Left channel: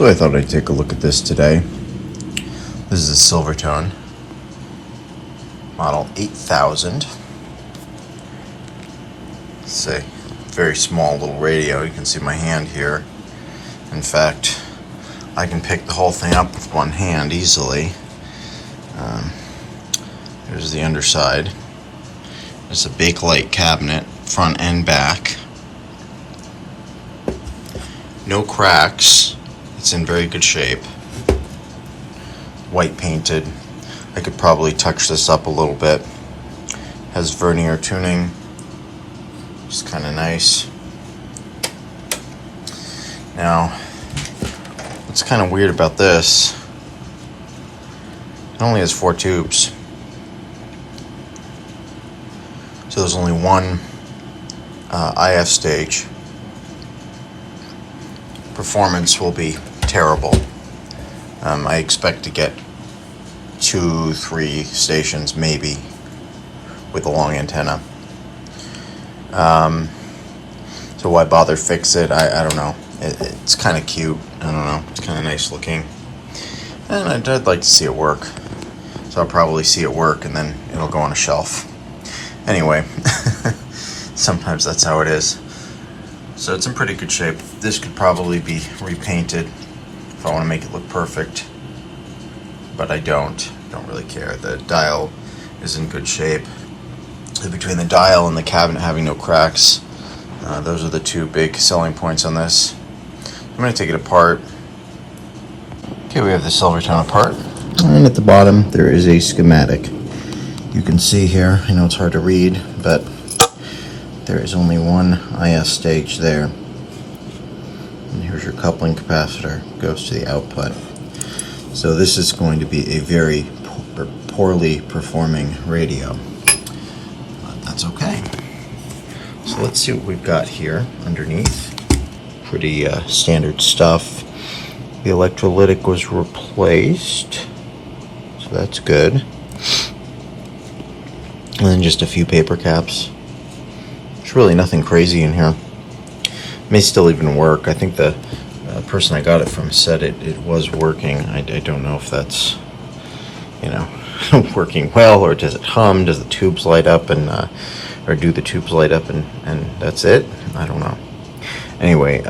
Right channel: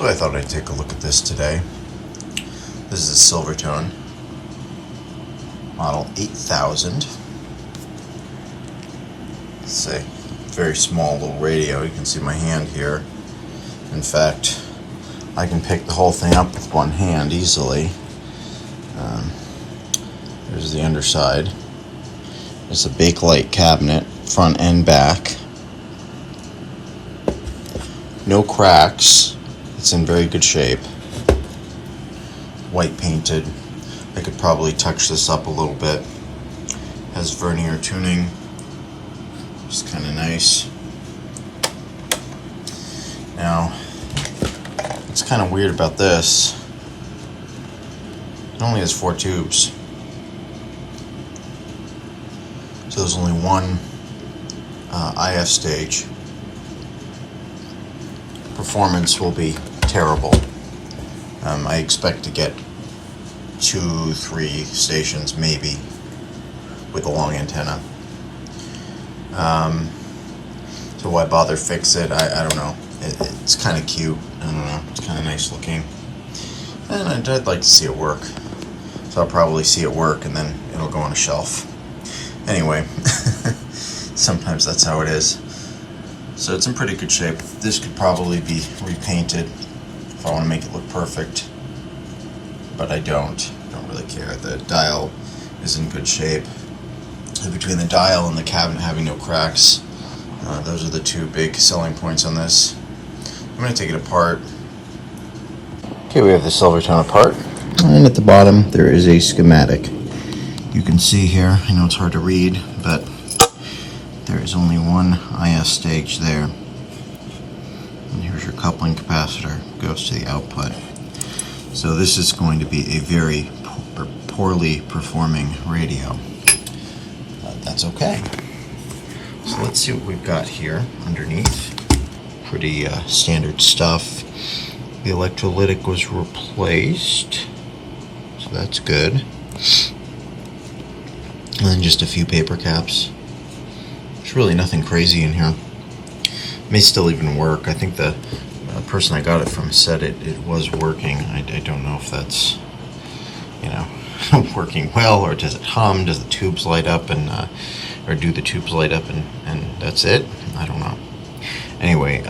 So I thought I'd take a look at this today. This is a Silvertone model 8000. It's a very small little radio. You can see my hand here. In fact, I can pick the whole thing up with one hand easily. There's the underside. It's a Bakelite cabinet, front and back. No cracks. It's in very good shape. White painted. I could probably touch this up a little bit. Has vernier tuning. It's kind of nice. Now, what's kind of weird about this, it only has 4 tubes. So there's only one IF stage. Performance will be terrible. I expect to get 2-3 stations maybe with a long antenna. So why bother fix it? I don't know. It's kind of cute. I don't know. It's kind of nice looking. And I'd like to see it work. So I'll probably see it work and then it'll go on a shelf. Anyway, sometimes that's how it is. So it's in pretty good shape. This could probably be repainted if I want to make it look perfect. But I don't really care. The dial is in good shape. Between the dial and the cabinet having no cracks, those are the two big selling points on this. I'm going to take it apart. Okay, we have the Silvertone apart. And at the bottom, there is a schematic. You can see here, I know it's hard to read, but there is only one IS stage there. And here's your coupling capacitor, goes to the output. So this is going to be a very poorly performing radio. But that's okay. So let's see what we've got here underneath. Pretty standard stuff. The electrolytic was replaced, so that's good. And then just a few paper caps. There's really nothing crazy in here. May still even work. I think the person I got it from said it was working. I don't know if that's, working well, or does it hum? Does the tubes light up or do the tubes light up and that's it? I don't know. Anyway,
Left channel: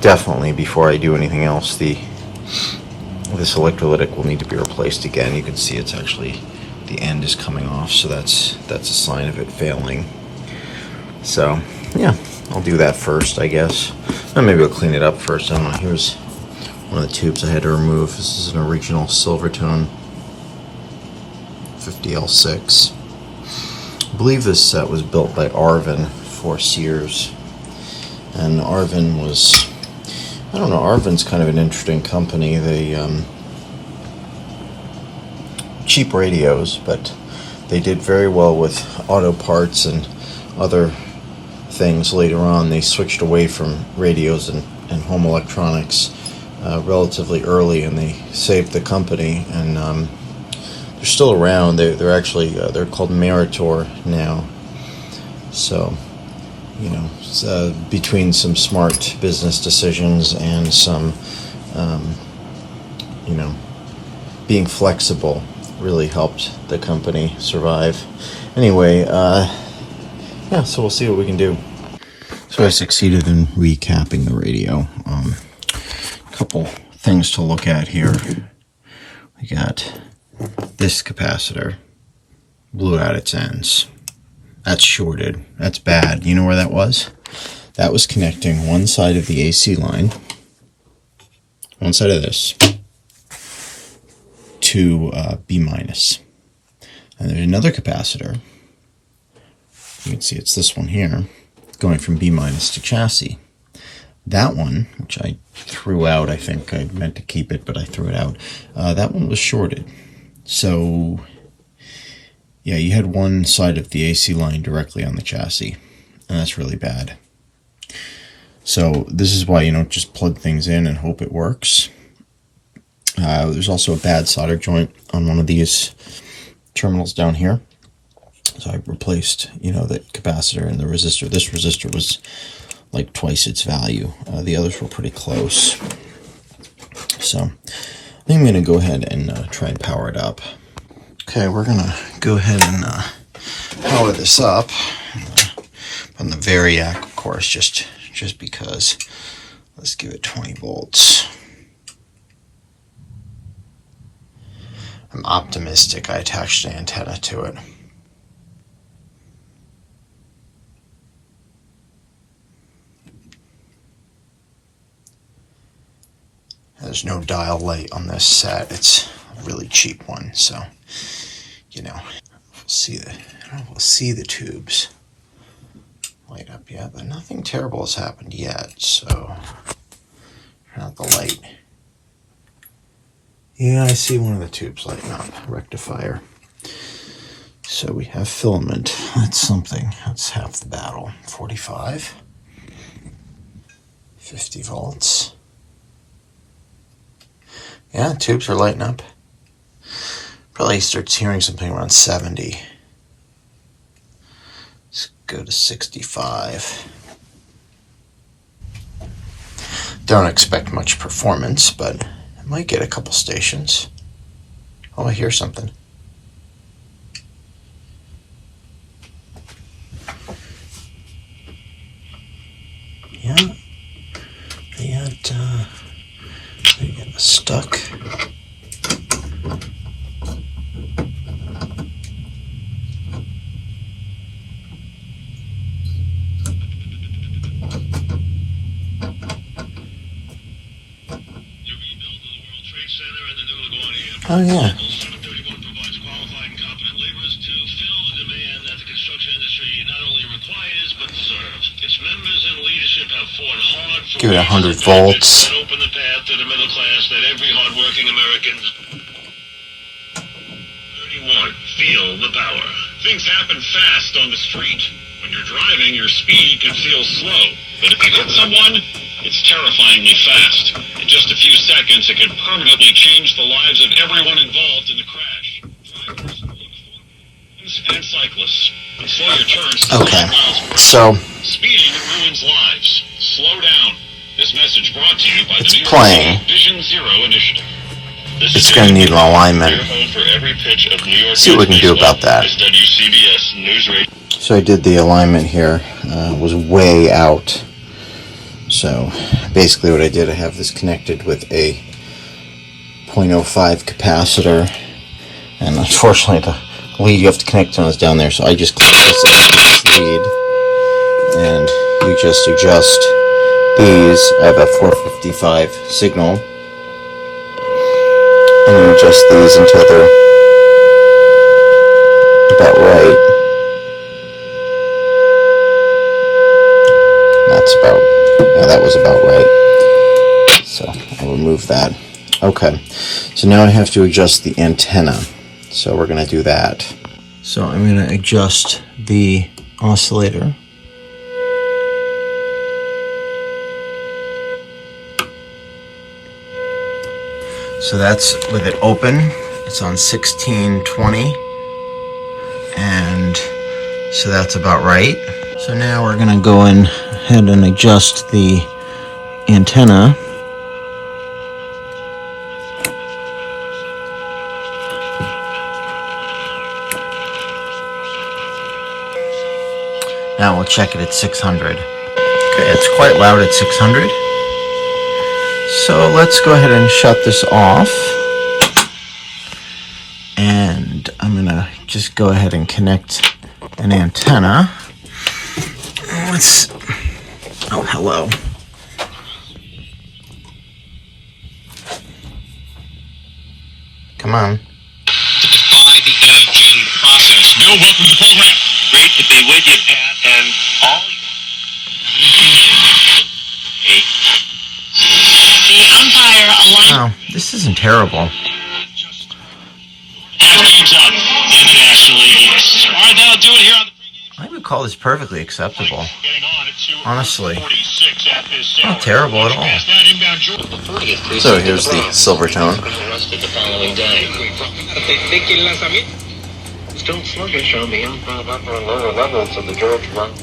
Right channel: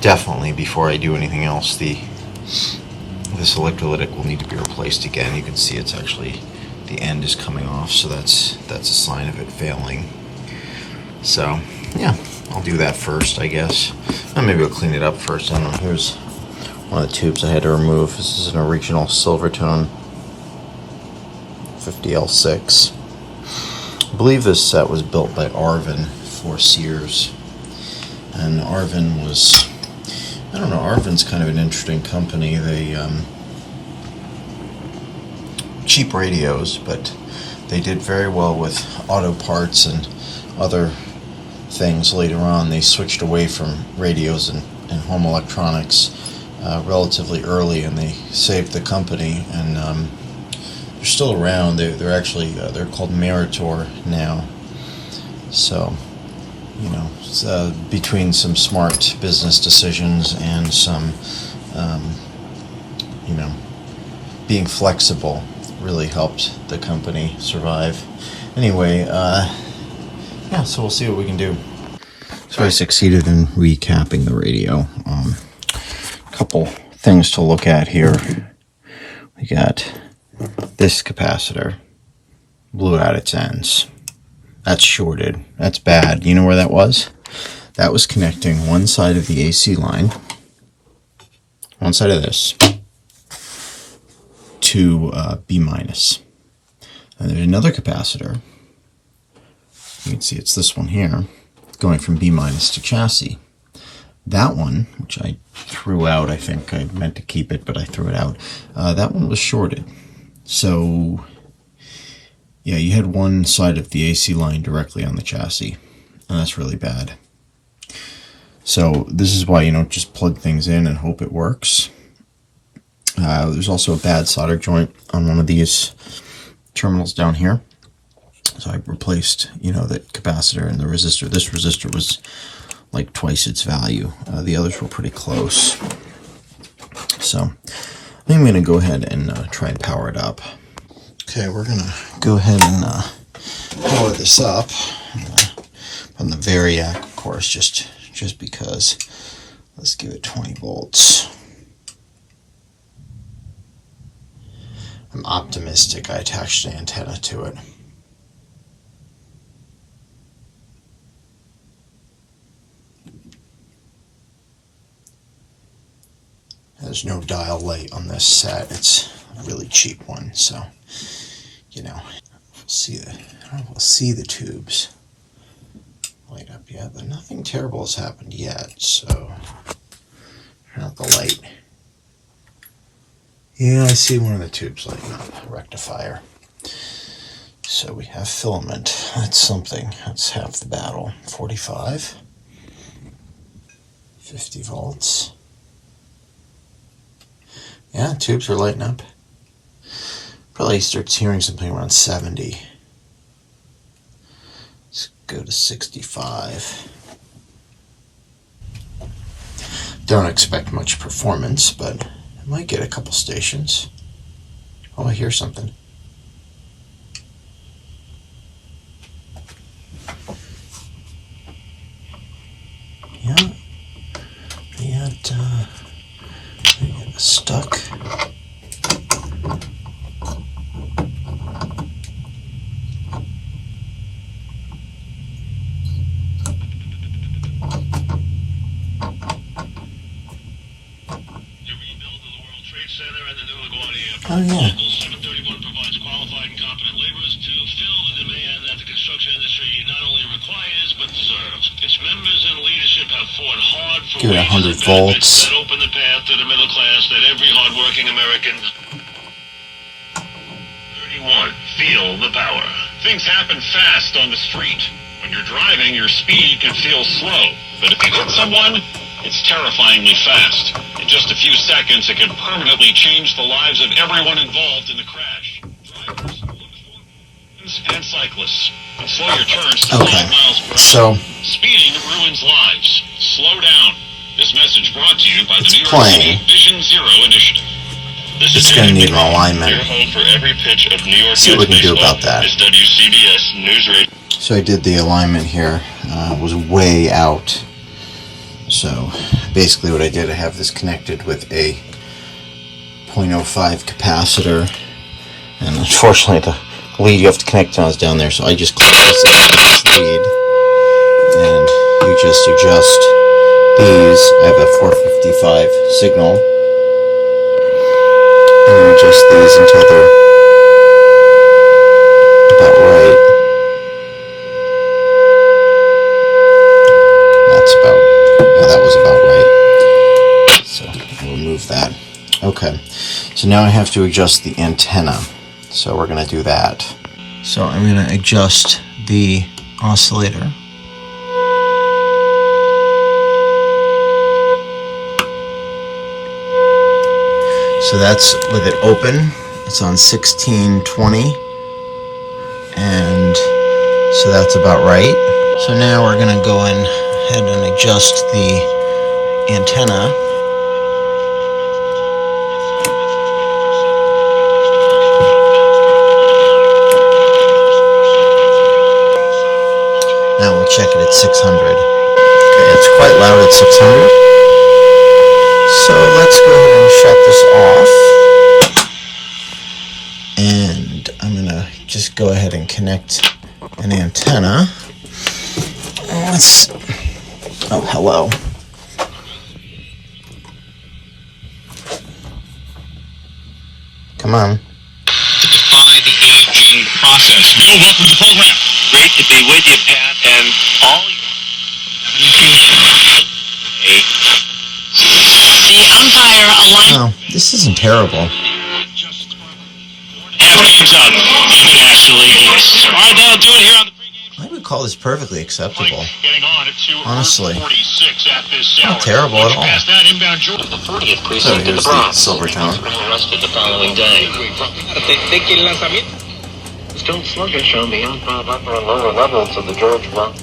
definitely before I do anything else, this electrolytic will need to be replaced again. You can see it's actually, the end is coming off, so that's a sign of it failing. So yeah, I'll do that first, I guess. And maybe I'll clean it up first. I don't know. Here's one of the tubes I had to remove. This is an original Silvertone 50L6. I believe this set was built by Arvin for Sears. And Arvin was, I don't know, Arvin's kind of an interesting company. They cheap radios, but they did very well with auto parts and other things. Later on, they switched away from radios and home electronics relatively early, and they saved the company. And they're still around. They're actually they're called Meritor now. So between some smart business decisions and some being flexible, really helped the company survive. Anyway, yeah, so we'll see what we can do. So I succeeded in recapping the radio. Couple things to look at here. We got this capacitor, blew out its ends. That's shorted. That's bad. You know where that was? That was connecting one side of the AC line, one side of this, to B minus. And there's another capacitor. You can see it's this one here, going from B minus to chassis. That one, which I threw out, I think I meant to keep it, but I threw it out. That one was shorted. So, yeah, you had one side of the AC line directly on the chassis, and that's really bad. So this is why you don't just plug things in and hope it works. There's also a bad solder joint on one of these terminals down here. So I replaced, the capacitor and the resistor. This resistor was like twice its value. The others were pretty close. So I think I'm going to go ahead and try and power it up. Okay, we're going to go ahead and power this up on the Variac, of course, just because. Let's give it 20 volts. I'm optimistic. I attached an antenna to it. There's no dial light on this set. It's a really cheap one, so you know, we'll see the tubes light up yet, but nothing terrible has happened yet. So turn out the light. Yeah, I see one of the tubes lighting up. Rectifier. So we have filament. That's something. That's half the battle. 45. 50 volts. Yeah, tubes are lighting up. Probably starts hearing something around 70. Let's go to 65. Don't expect much performance, but I might get a couple stations. Oh, I hear something. Yeah, they get stuck. Oh yeah. 731 provides qualified and competent laborers to fill the demand that the construction industry not only requires but deserves. Its members and leadership have fought hard for give it 100 volts. That open the path to the middle class that every hardworking American. 31. Feel the power. Things happen fast on the street. When you're driving, your speed can feel slow. But if you hit someone, it's terrifyingly fast. In just a few seconds, it could permanently change the lives of everyone involved in the crash. Drivers, and cyclists. And slow your turns to 12 miles per hour. So Speeding ruins lives. Slow down. This message brought to you by the New York playing. City Vision Zero Initiative. It's going to need an alignment. Your home for every pitch of New York See what we can do about that. is WCBS News Radio. So I did the alignment here. It was way out. So basically what I did, I have this connected with a 0.05 capacitor. And unfortunately the lead you have to connect when I was down there. So I just clicked this lead. And you just adjust these. I have a 455 signal. And you adjust these until they're about right. That's about, yeah, that was about right. So I'll remove that. Okay, so now I have to adjust the antenna. So we're going to do that. So I'm going to adjust the oscillator. So that's with it open. It's on 1620. And so that's about right. So now we're going to go in ahead and adjust the antenna. Now we'll check it at 600. Okay, it's quite loud at 600. So let's go ahead and shut this off. And I'm going to just go ahead and connect an antenna. Oh, hello. Come on. To defy the aging process. Bill, welcome to the program. Great to be with you, Pat, and all the umpire aligned. Oh, this isn't terrible. half games up internationally. Arvin do it here on the pregame. I would call this perfectly acceptable. Getting on at Honestly. 2:46 at this Not terrible at all. Past that inbound Jordan. So here's the Silvertone. Arrested the following day. Still sluggish on the upper and lower levels of the George run.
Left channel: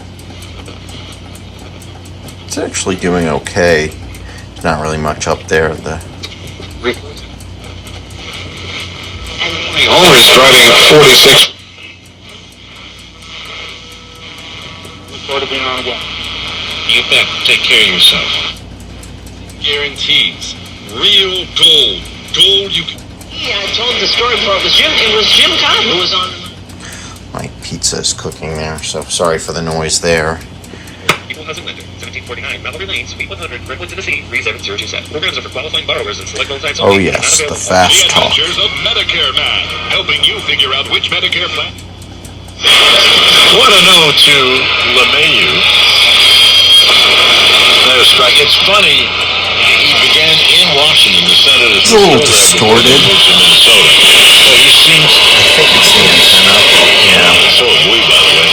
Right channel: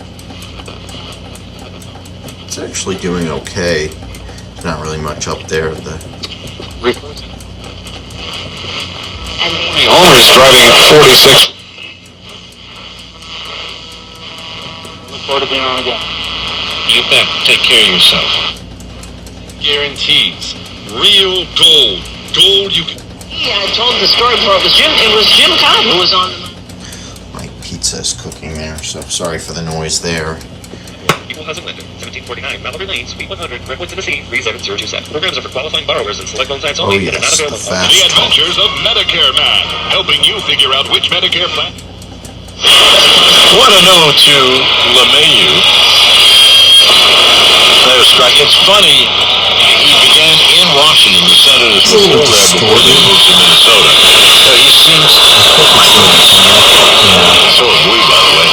It's actually doing okay. There's not really much up there. The Homer's driving 46. Look forward to being on again. You bet. Take care of yourself. Guarantees. Real gold. Gold you can... Yeah, I told the story before. It was Jim Cobb who was on the... My pizza is cooking there, so sorry for the noise there. Equal housing lender, 1749 Malibu Lane, Suite 100, Redwood, Tennessee, 37027. Programs are for qualifying borrowers and select loan types Oh only. yes, the fast The talk. Adventures of Medicare Man, helping you figure out which Medicare plan. What a note to LeMahieu. It's funny. He began in Washington, the Senators It's a little before he distorted. moved to Minnesota. But he seems Yeah. so have we, by the way.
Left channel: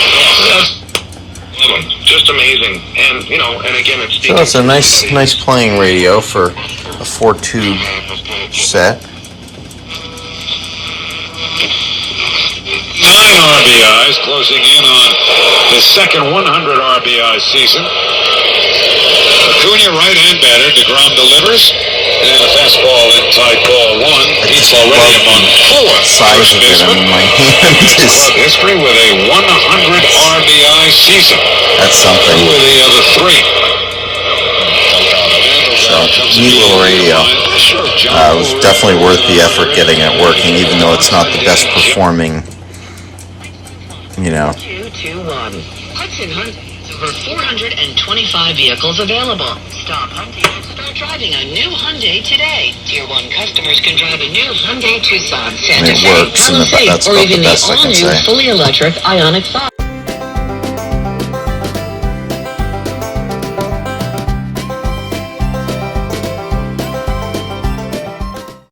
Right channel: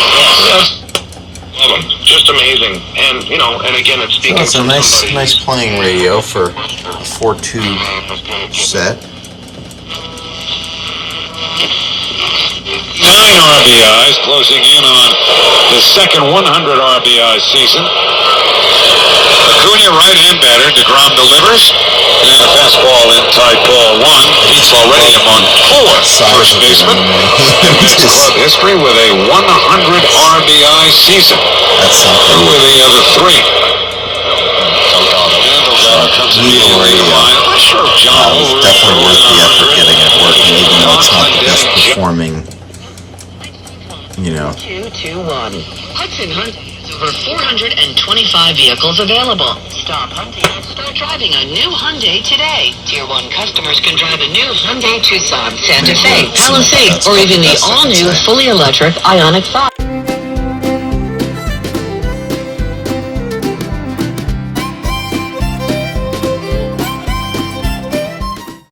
Love him. Just amazing. And and again, it's So it's a nice playing radio for a 4-tube set. 9 RBIs, closing in on his second 100 RBI season. Acuna right and batter. DeGrom delivers. And a fastball inside ball 1. He's already among 4 Size first of it, I basemen. mean, my in hand is... club history with a 100 RBI season. That's Who something. are the other 3? Needle radio. It was definitely worth the effort getting it working, even though it's not the best performing, 221. Hudson Hunt has over 425 vehicles available. Stop hunting and start driving a new Hyundai today. Tier 1 customers can drive a new Hyundai Tucson, Santa And it Fe, works, and Palisade, that's or about the even the best I can all-new say. fully electric Ioniq 5.